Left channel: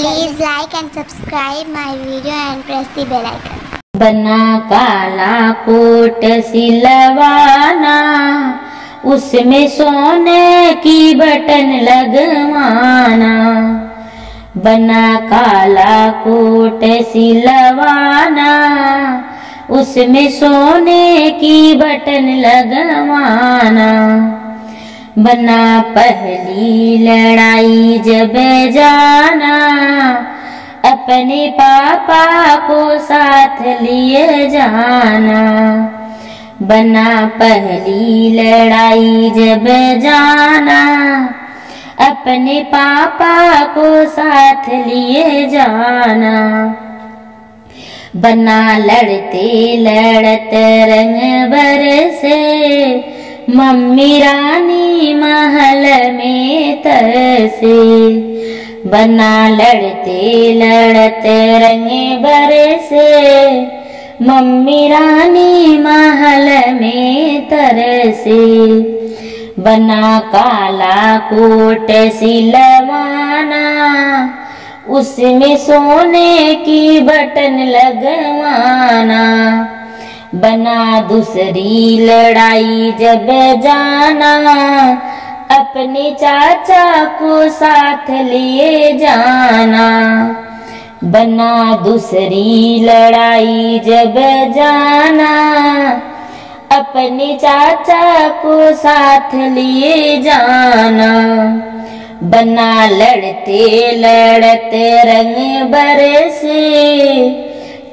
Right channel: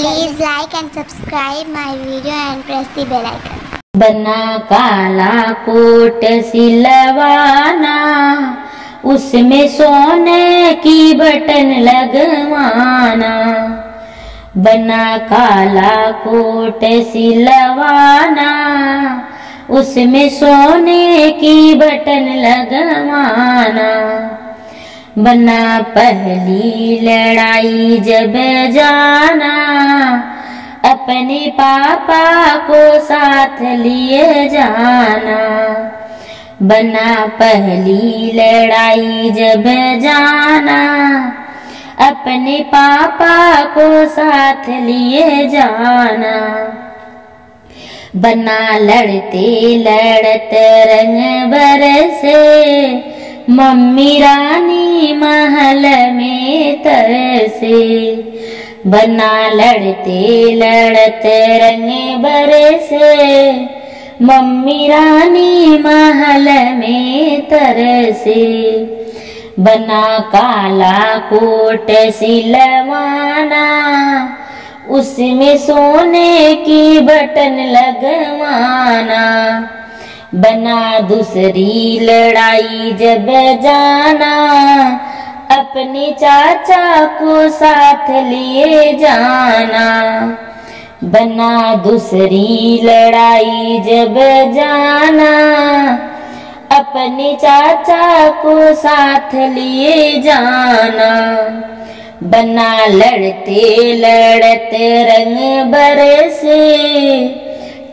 Please like and subscribe my video and press the bell icon. बना काला coat सिलवाना, उसमें सोने की बटन लगवाना। बना काला कोट सिलवाना, उसमें सोने की बटन लगवाना। बना पहली लड़ाई जब जाना, अपने पापा को साथ लिए जाना। बना पहली लड़ाई जब जाना, अपने पापा को साथ लिए जाना। बना लड़ते लड़ते रंग बरसे, मम्मी रानी महल में तरसे। बना लड़ते लड़ते रंग बरसे, मम्मी रानी महल में तरसे। बना काला कोट सिलवाना, उसमें सोने की बटन लगवाना। बना दूसरी लड़ाई जब जाना, अपने चाचा को साथ लिए जाना। बना दूसरी लड़ाई जब जाना, अपने चाचा को साथ लिए जाना। बना लड़ते लड़ते रंग बरसे,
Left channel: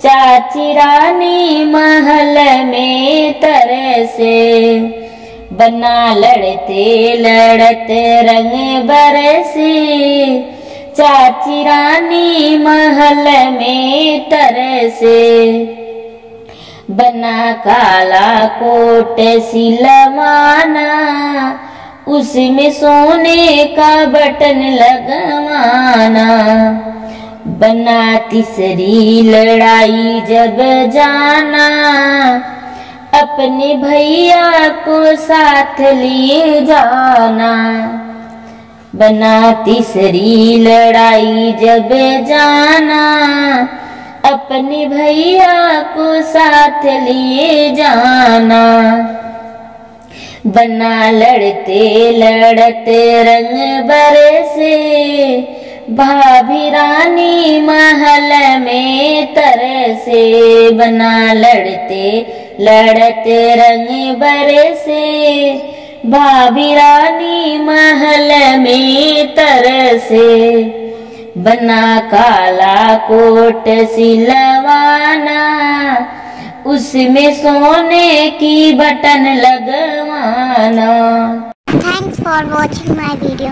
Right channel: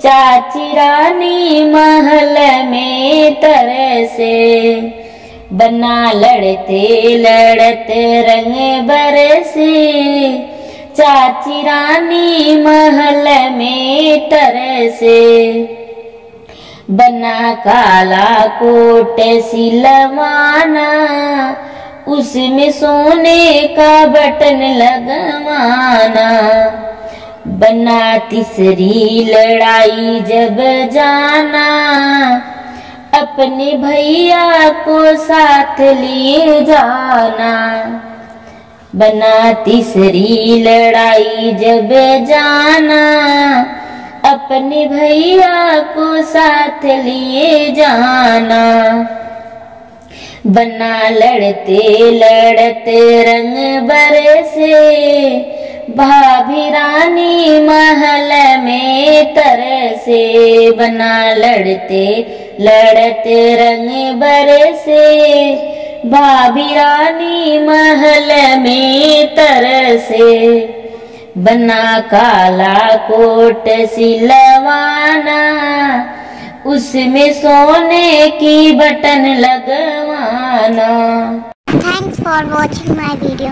चाची रानी महल में तरसे। बना लड़ते लड़ते रंग बरसे, चाची रानी महल में तरसे। बना काला कोट सिलवाना, उसमें सोने का बटन लगवाना। बना तीसरी लड़ाई जब जाना, अपने भैया को साथ लिए जाना। बना तीसरी लड़ाई जब जाना, अपने भैया को साथ लिए जाना। बना लड़ते लड़ते रंग बरसे, भाभी रानी महल में तरसे। बना लड़ते लड़ते रंग बरसे, भाभी रानी महल में तरसे। बना काला कोट सिलवाना, उसमें सोने की बटन लगवाना। Thanks for watching my video.